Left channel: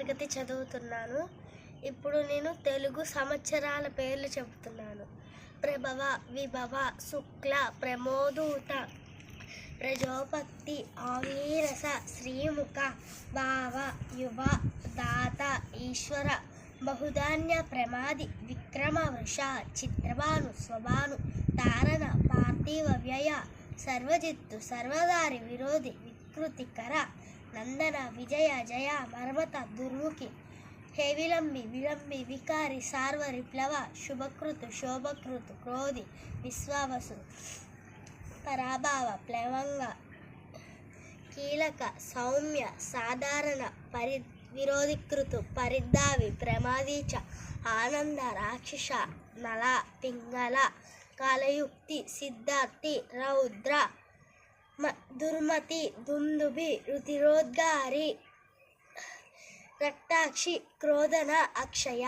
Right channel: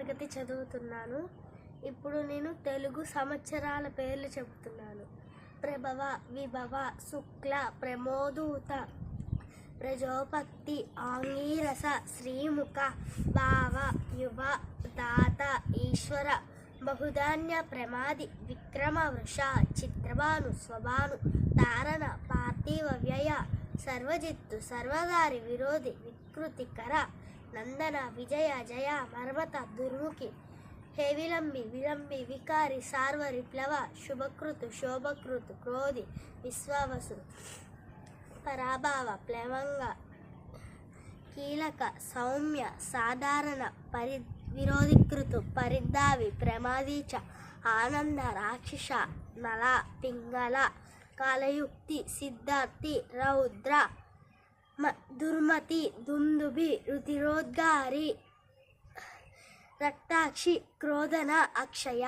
తరగతి చదువుతున్నాను. ఇప్పుడు నేను తెలుగు సంవత్సరాల పేర్లు చెబుతున్నాను. ప్రభవ, విభవ, శుక్ల, ప్రమోదూత, ప్రజోపత్తి, ఆంగీరస, శ్రీముఖ, భావ, యువ, దాత, ఈశ్వర, బహుధాన్య, ప్రమాది, విక్రమ, వృష, చిత్రభాను, స్వభాను, తారణ, పార్థివ, వ్యయ, సర్వజిత్తు, సర్వదారి, విరోధి, వికృతికర, నందన, విజయ, జయ, మర్మత, దుర్ముఖి, హే విలంబి, విలంబి, వికారి, సార్వ, విప్లవ, శుభకృతు, శోభకృతు, క్రోధి, విశ్వావసు, పరాభావ, ప్లవంగ, కీలక, సౌమ్య, సాధారణ, విరోధికృతు, పరిద్ధావి, ప్రమాదీచ, ఆనంద, రాక్షస, నల, పింగళ, కాలయుక్తి, సిద్ధార్థి, రౌద్ర, దుర్మతి, దుందుభి, రుతిరోద్గారి, రక్తాక్షి, క్రోధన, అక్షయ.